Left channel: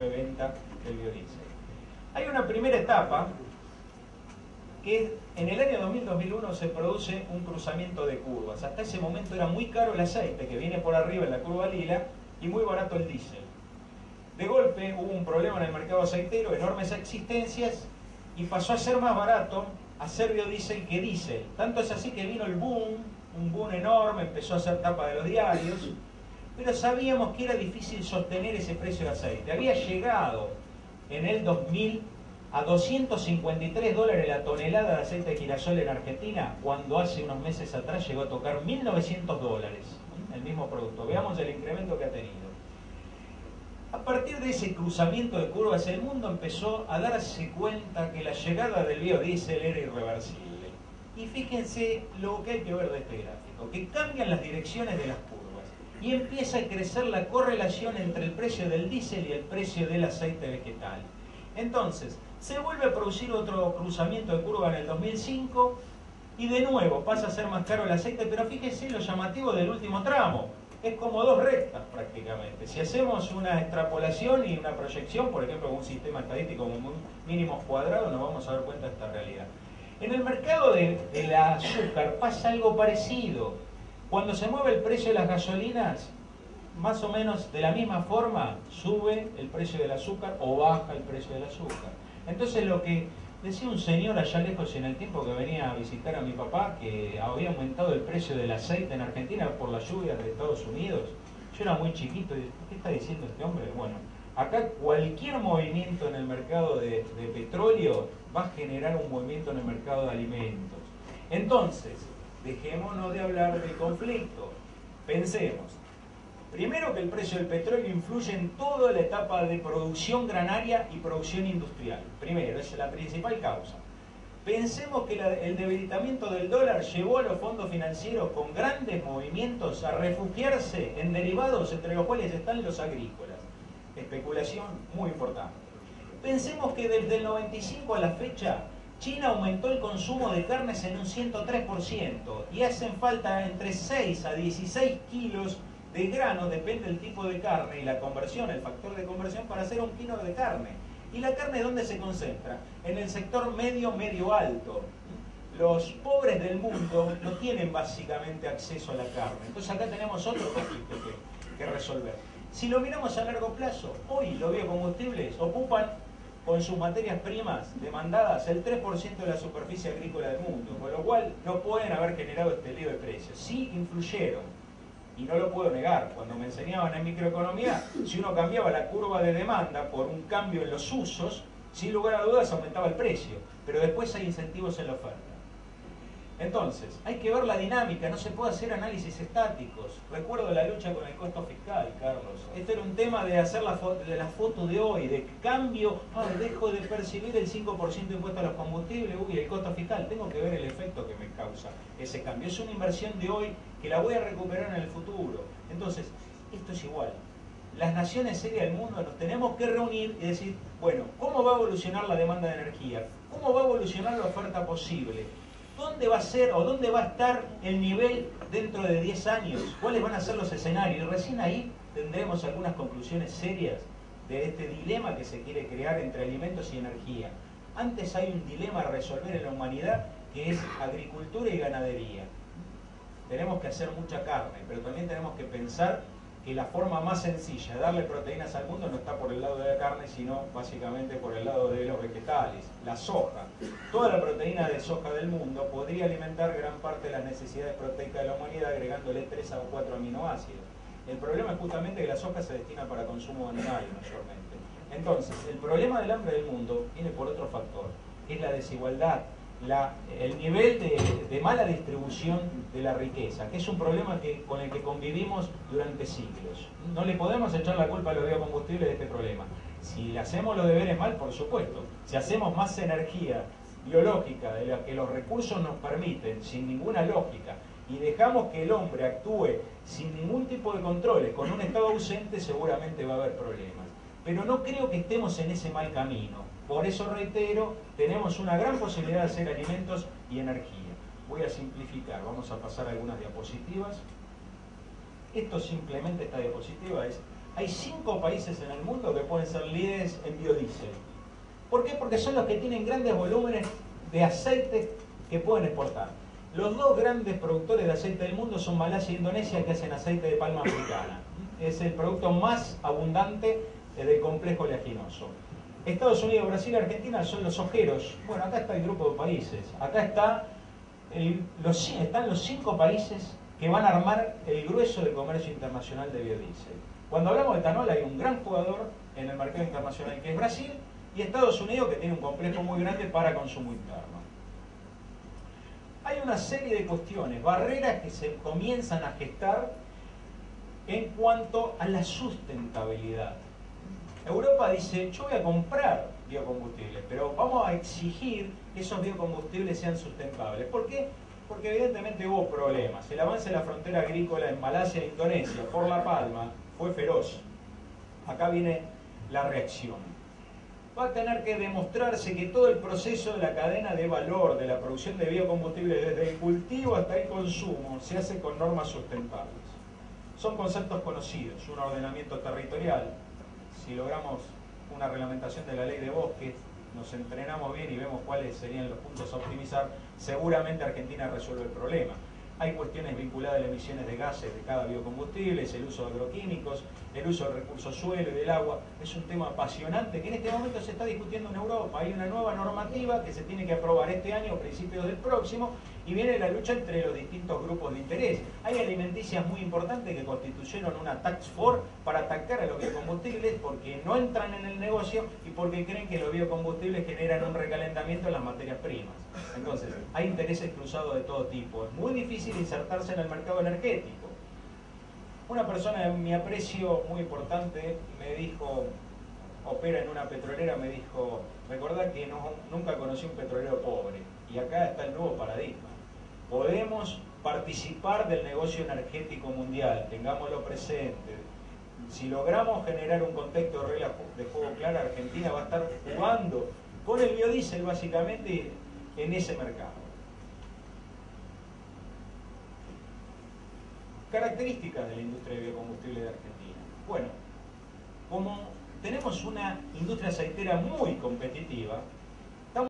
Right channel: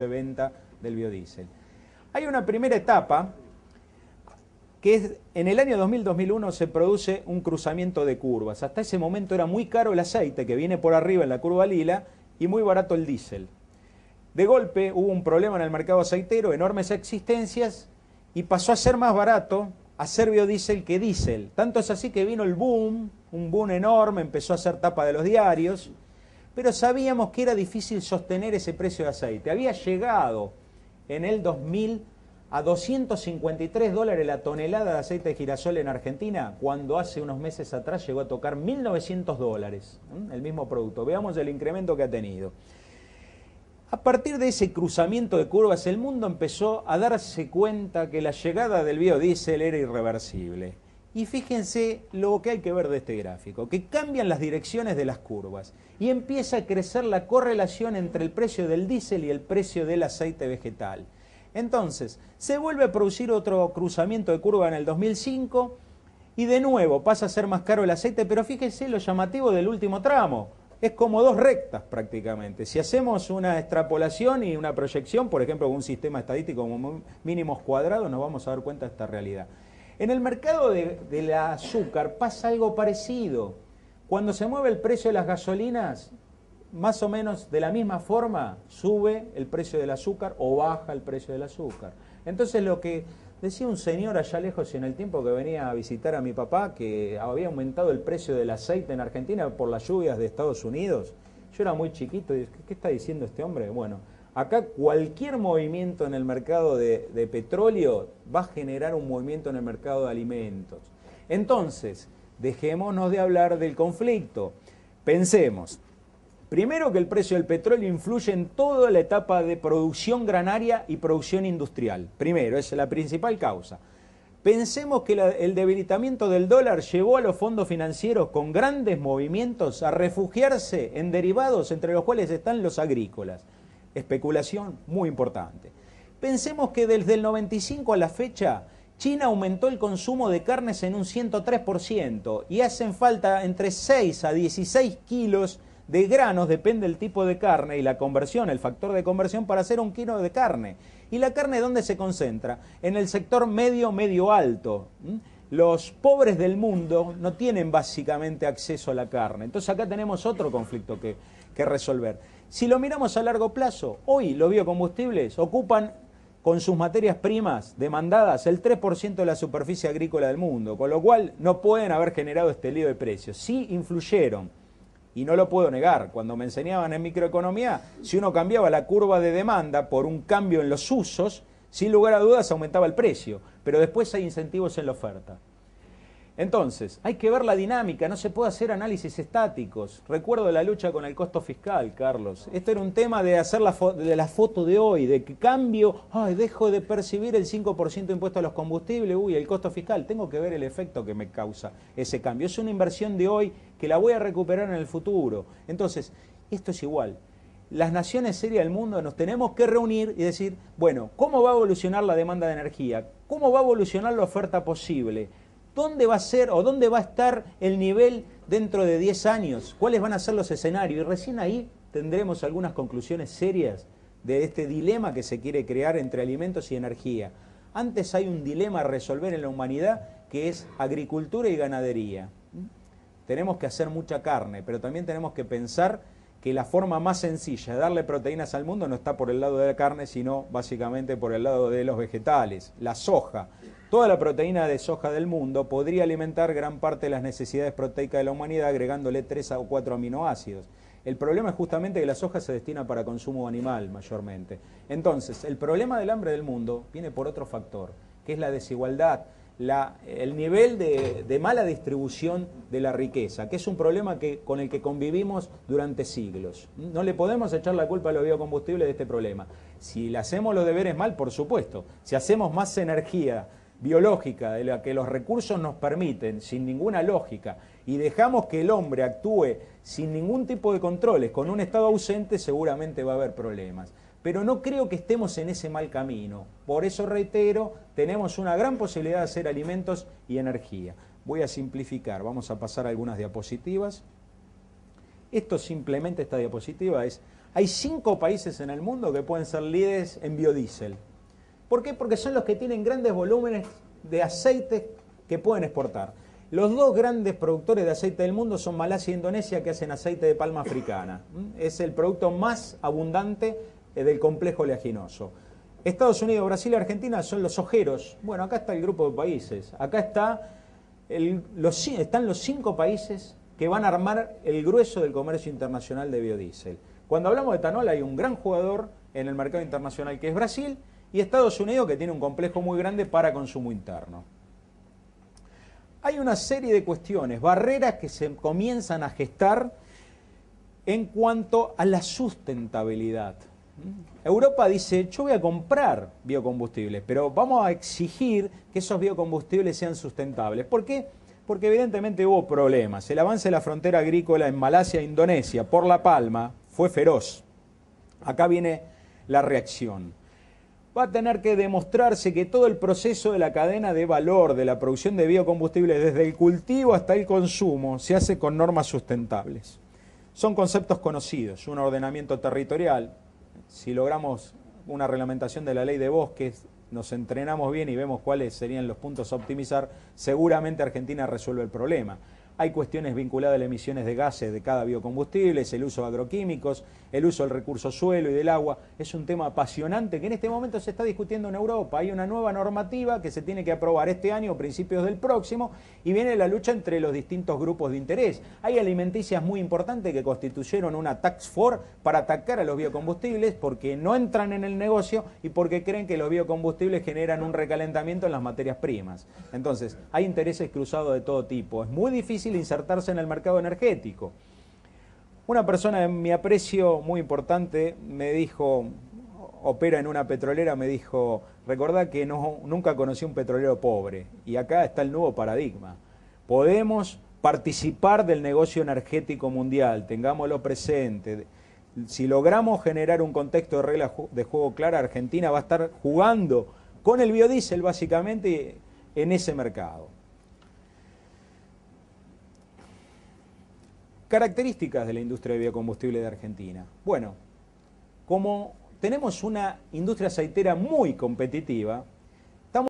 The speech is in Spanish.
de venta del biodiesel. Hay una primera etapa que es en el año 2000-2001 se produce un cruzamiento de curvas. Hasta ese momento era muy caro el aceite que viene por arriba en la curva lila y muy barato el diésel. De golpe hubo un problema en el mercado aceitero, enormes existencias, y pasó a ser más barato hacer biodiesel que diésel. Tanto es así que vino el boom, un boom enorme, empezó a hacer tapa de los diarios, pero sabíamos que era difícil sostener ese precio de aceite. Había llegado en el 2000 a 253 dólares la tonelada de aceite de girasol en Argentina, cuando hace unos meses atrás llegó a tocar 1.900 dólares, el mismo producto. Veamos el incremento que ha tenido. A partir de ese cruzamiento de curvas, el mundo empezó a darse cuenta que la llegada del biodiesel era irreversible. Y fíjense lo que hay que ver de este gráfico, que cambian las direcciones de las curvas y empieza a crecer la correlación entre el precio del diésel y el precio del aceite vegetal. Entonces, se vuelve a producir otro cruzamiento de curva en el 2005 y de nuevo pasa a ser más caro el aceite, pero fíjense lo llamativo del último tramo. Es como dos rectas prácticamente. Si hacemos una extrapolación y una proyección, por ejemplo, con un sistema estadístico con mínimos cuadrados, nos vamos a dar cuenta de esta realidad. En el mercado del azúcar pasa algo parecido. Cuando se mueve el precio de las gasolinas, más o menos de la misma forma sube el precio del azúcar o baja el precio del azúcar. Entonces lo que decía un señor allá lejos en el tiempo que venía a visitar a mi papá, que había aumentado el precio del aceite en Argentina por las lluvias de Estados Unidos. Yo era muy chiquito y dije, ¿qué está diciendo este hombre? Bueno, acá cualquier movimiento en el mercado de petróleo va a generar un movimiento en el mercado de alimentos. Entonces, dejémonos de hablar del conflicto. Pensemos, primero que el precio del petróleo influye en toda la etapa de producción granaria y producción industrial. Primero, esa es la principal causa. Pensemos que el debilitamiento del dólar llevó a los fondos financieros con grandes movimientos a refugiarse en derivados entre los cuales están los agrícolas. Especulación muy importante. Pensemos que desde el 95 a la fecha China aumentó el consumo de carnes en un 103% y hacen falta entre 6 a 16 kilos de granos, depende del tipo de carne y la conversión, el factor de conversión para hacer un kilo de carne. ¿Y la carne dónde se concentra? En el sector medio alto. Los pobres del mundo no tienen básicamente acceso a la carne. Entonces acá tenemos otro conflicto que resolver. Si lo miramos a largo plazo, hoy los biocombustibles ocupan con sus materias primas demandadas el 3% de la superficie agrícola del mundo, con lo cual no pueden haber generado este lío de precios. Sí influyeron. Y no lo puedo negar, cuando me enseñaban en microeconomía, si uno cambiaba la curva de demanda por un cambio en los usos, sin lugar a dudas aumentaba el precio, pero después hay incentivos en la oferta. Entonces, hay que ver la dinámica, no se puede hacer análisis estáticos. Recuerdo la lucha con el costo fiscal, Carlos. Esto era un tema de hacer la foto de hoy, de que cambio, dejo de percibir el 5% de impuesto a los combustibles, el costo fiscal, tengo que ver el efecto que me causa ese cambio. Es una inversión de hoy que la voy a recuperar en el futuro. Entonces, esto es igual. Las naciones serias del mundo nos tenemos que reunir y decir, bueno, ¿cómo va a evolucionar la demanda de energía? ¿Cómo va a evolucionar la oferta posible? ¿Dónde va a ser o dónde va a estar el nivel dentro de 10 años? ¿Cuáles van a ser los escenarios? Y recién ahí tendremos algunas conclusiones serias de este dilema que se quiere crear entre alimentos y energía. Antes hay un dilema a resolver en la humanidad que es agricultura y ganadería. Tenemos que hacer mucha carne, pero también tenemos que pensar que la forma más sencilla de darle proteínas al mundo no está por el lado de la carne, sino básicamente por el lado de los vegetales. La soja, toda la proteína de soja del mundo podría alimentar gran parte de las necesidades proteicas de la humanidad agregándole 3 o 4 aminoácidos. El problema es justamente que la soja se destina para consumo animal mayormente. Entonces, el problema del hambre del mundo viene por otro factor, que es la desigualdad, el nivel de mala distribución de la riqueza, que es un problema con el que convivimos durante siglos. No le podemos echar la culpa a los biocombustibles de este problema. Si le hacemos los deberes mal, por supuesto. Si hacemos más energía biológica de la que los recursos nos permiten, sin ninguna lógica, y dejamos que el hombre actúe sin ningún tipo de controles, con un Estado ausente, seguramente va a haber problemas. Pero no creo que estemos en ese mal camino. Por eso reitero, tenemos una gran posibilidad de hacer alimentos y energía. Voy a simplificar, vamos a pasar a algunas diapositivas. Esto simplemente, esta diapositiva es Hay 5 países en el mundo que pueden ser líderes en biodiesel. ¿Por qué? Porque son los que tienen grandes volúmenes de aceite que pueden exportar. Los 2 grandes productores de aceite del mundo son Malasia e Indonesia, que hacen aceite de palma africana. Es el producto más abundante del complejo oleaginoso. Estados Unidos, Brasil y Argentina son los ojeros. Bueno, acá está el grupo de países. Acá están los 5 países que van a armar el grueso del comercio internacional de biodiesel. Cuando hablamos de etanol hay un gran jugador en el mercado internacional que es Brasil y Estados Unidos, que tiene un complejo muy grande para consumo interno. Hay una serie de cuestiones, barreras que se comienzan a gestar en cuanto a la sustentabilidad. Europa dice, yo voy a comprar biocombustibles, pero vamos a exigir que esos biocombustibles sean sustentables. ¿Por qué? Porque evidentemente hubo problemas. El avance de la frontera agrícola en Malasia e Indonesia por la palma fue feroz. Acá viene la reacción. Va a tener que demostrarse que todo el proceso de la cadena de valor de la producción de biocombustibles, desde el cultivo hasta el consumo, se hace con normas sustentables. Son conceptos conocidos, un ordenamiento territorial. Si logramos una reglamentación de la ley de bosques, nos entrenamos bien y vemos cuáles serían los puntos a optimizar, seguramente Argentina resuelve el problema. Hay cuestiones vinculadas a las emisiones de gases de cada biocombustible, el uso de agroquímicos, el uso del recurso suelo y del agua. Es un tema apasionante que en este momento se está discutiendo en Europa. Hay una nueva normativa que se tiene que aprobar este año o principios del próximo y viene la lucha entre los distintos grupos de interés. Hay alimenticias muy importantes que constituyeron una task force para atacar a los biocombustibles porque no entran en el negocio y porque creen que los biocombustibles generan un recalentamiento en las materias primas. Entonces, hay intereses cruzados de todo tipo. Es muy difícil insertarse en el mercado energético. Una persona de mi aprecio muy importante me dijo, opera en una petrolera, me dijo, recordá que nunca conocí un petrolero pobre y acá está el nuevo paradigma. Podemos participar del negocio energético mundial, tengámoslo presente. Si logramos generar un contexto de reglas de juego clara, Argentina va a estar jugando con el biodiesel básicamente en ese mercado. Características de la industria de biocombustible de Argentina. Bueno, como tenemos una industria aceitera muy competitiva,